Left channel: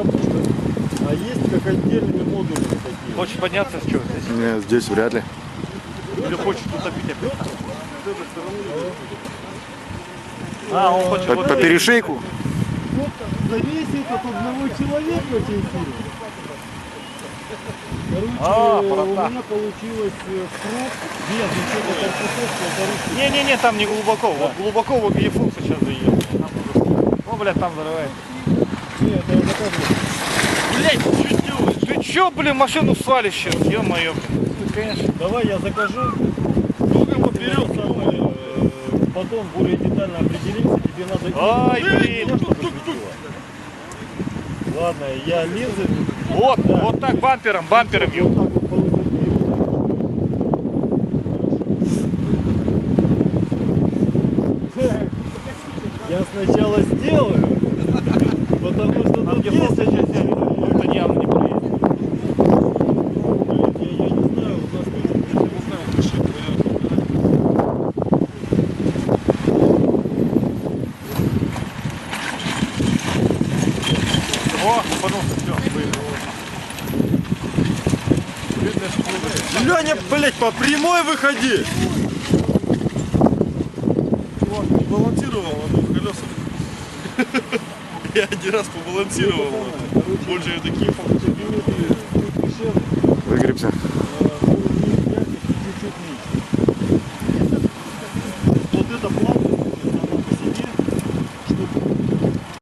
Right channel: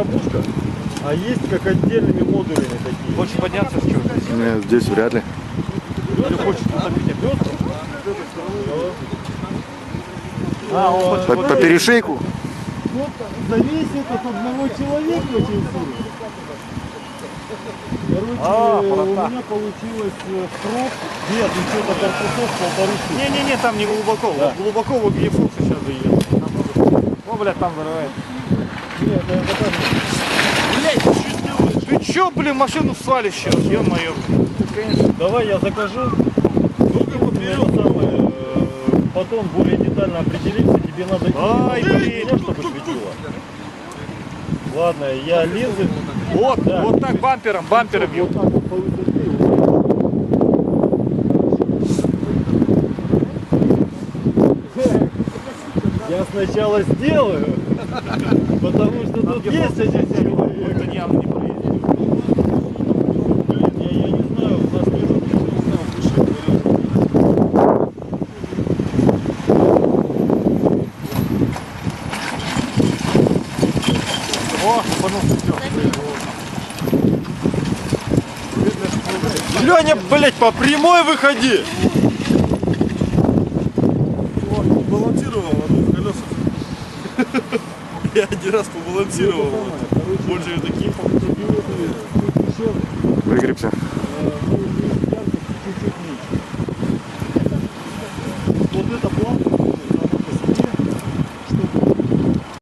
коробушка, а есть как отдельными модулями такие. Хочешь подняться, что? Не, здесь вряд ли. Или хочешь утопить опять? По перешейку? Вот зависит от одного человека очень сильно. Короче, у меня получилось срок без учета корпусов 1,5. Не-не-не, там не глубоко. Да. Вот глубоко в объефу сейчас заедем. О, блядь, там взрывает. Нет, это я заказываю. Блядь, ты чё, блин, машину свалишь сейчас, ё-моё. Конечно. Давай я закажу. Только вот Потом более детально определиться, тебе надо Ай, именно блин. чтобы светило. Ладно, я лезу. Вот, Да. вот так бампером, бампером. Вот так вот по высоте. Вот так. Я сначала сделаю, потому что тут есть эти все Это явно не полезет. я не знаю, у нас О, все. Леня, блять, по прямой выходи! Он балансировал на двух колесах. Я один раз побалансировал. Больше я таким. Выгребся. Вот это планка.